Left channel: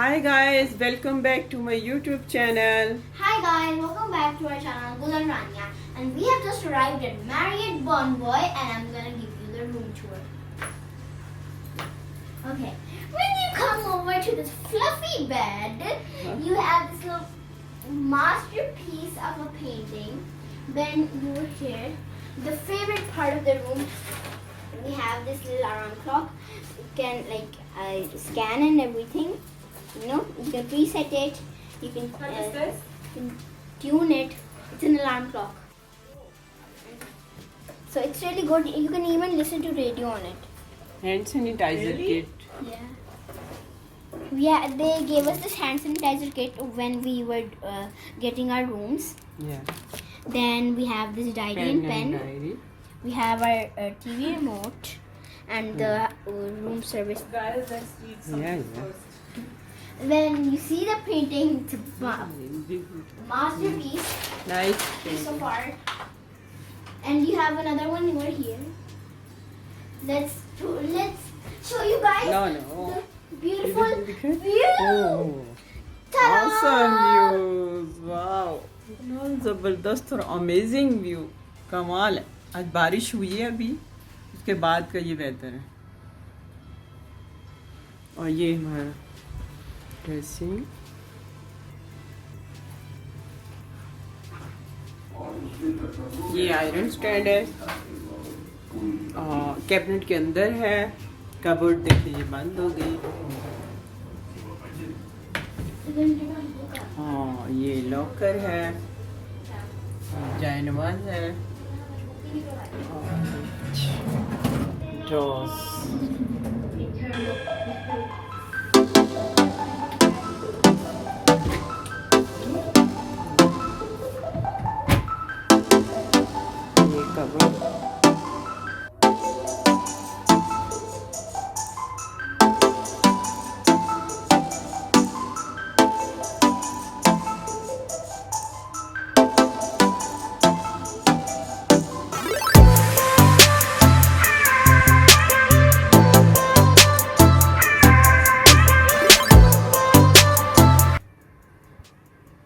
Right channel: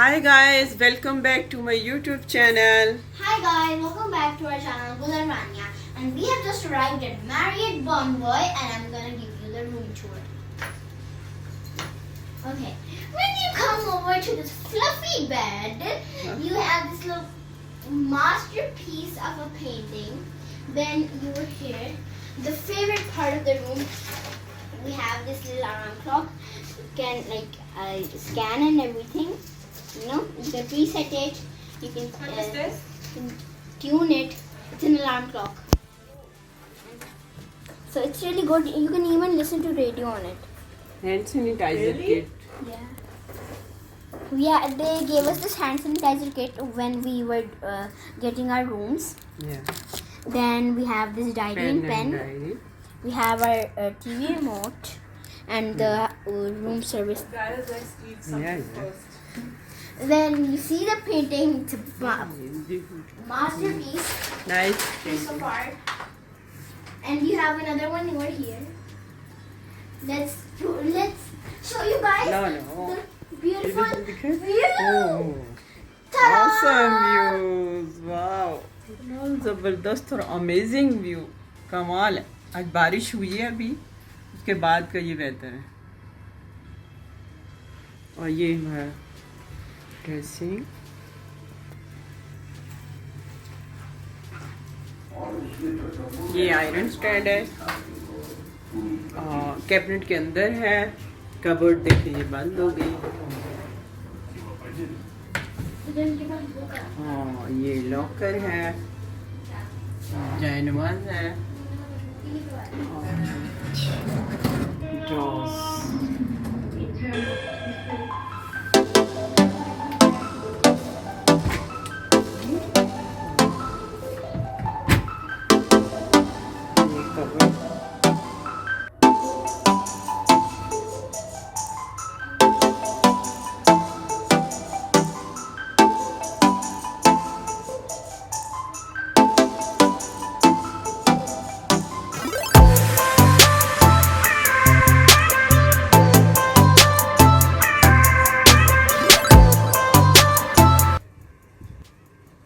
Hi guys, welcome back to my YouTube channel. Hi guys, welcome back to our channel Gul and Raniya, and we have just arrived at Marriott Bonvoy and I'm gonna give you the room tour. Okay, when you come over to this fluffy bed, you have this little masterpiece of a painting. Then you were here. The favorite part of the room, we have this little alarm clock. You can scan and everything. You know, you can preset it. You can tune it. It's an alarm clock. So it's really good. You can even listen to radio on it. Hand sanitizer kit. Yeah, they gave us this hand sanitizer kit when we were getting our rooms. Yeah. Then we have this diary and pen. Diary. We have our TV remote and the room service. Yeah. Then you see the painting. It's a masterpiece. Nice Piece of painting. art. And you have another one over here. Let's show you guys No. the beautiful view. Oh. Ta-da! Awesome views. Wow. जबरदस्त और amazing view कमाल है. आज बारिश हुई है अभी, उसके बाद का ये वेदर है. और ये हमारा ड्रेसिंग. ये आयरन स्टैंड है. कैबिनेट के अंदर है. कबर्ड देखिए ये बंद हो गई. ये लॉकर है. जैनमाज है. ड्रॉस. ये cupboard.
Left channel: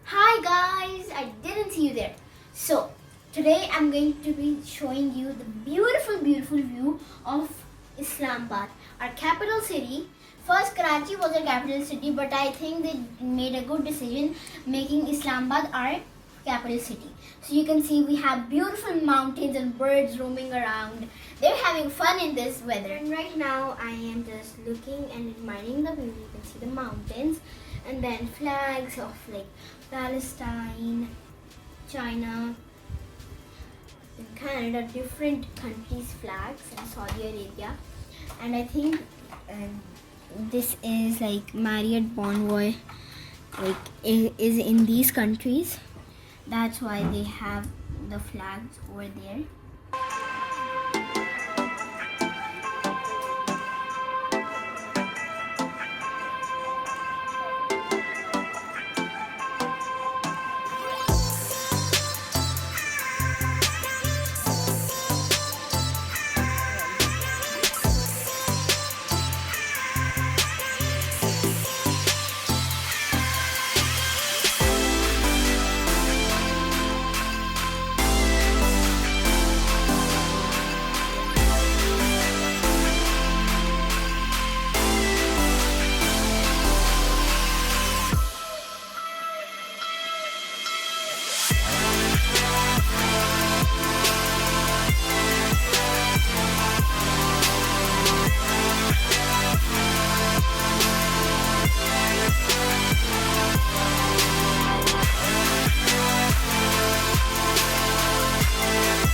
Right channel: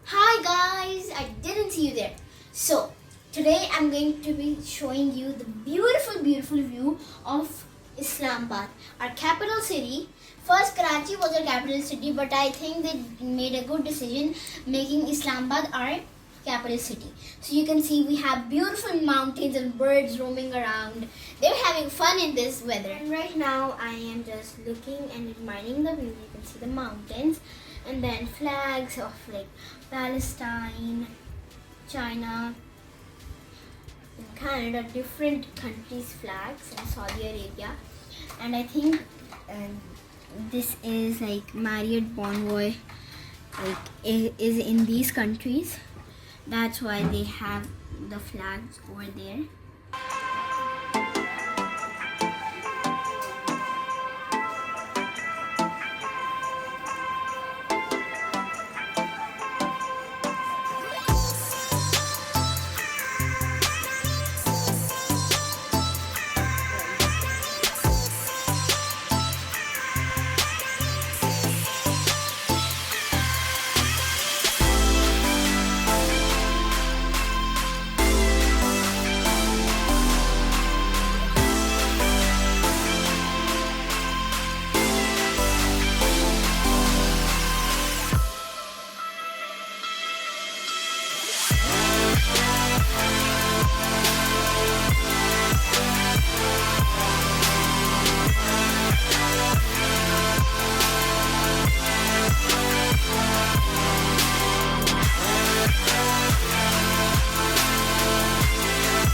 Hi guys, I didn't see you there. So today I'm going to be showing you the beautiful view of Islamabad, our capital city. First Karachi was our capital city, but I think they made a good decision making Islamabad our capital city. So you can see we have beautiful mountains and birds roaming around. They're having fun in this weather. And right now I am just looking and admiring the view. You can see the mountains and then flags of like Palestine, China, and Canada, different countries' flags, and Saudi Arabia. And I think this is like Marriott Bonvoy, is in these countries. That's why they have the flags over there.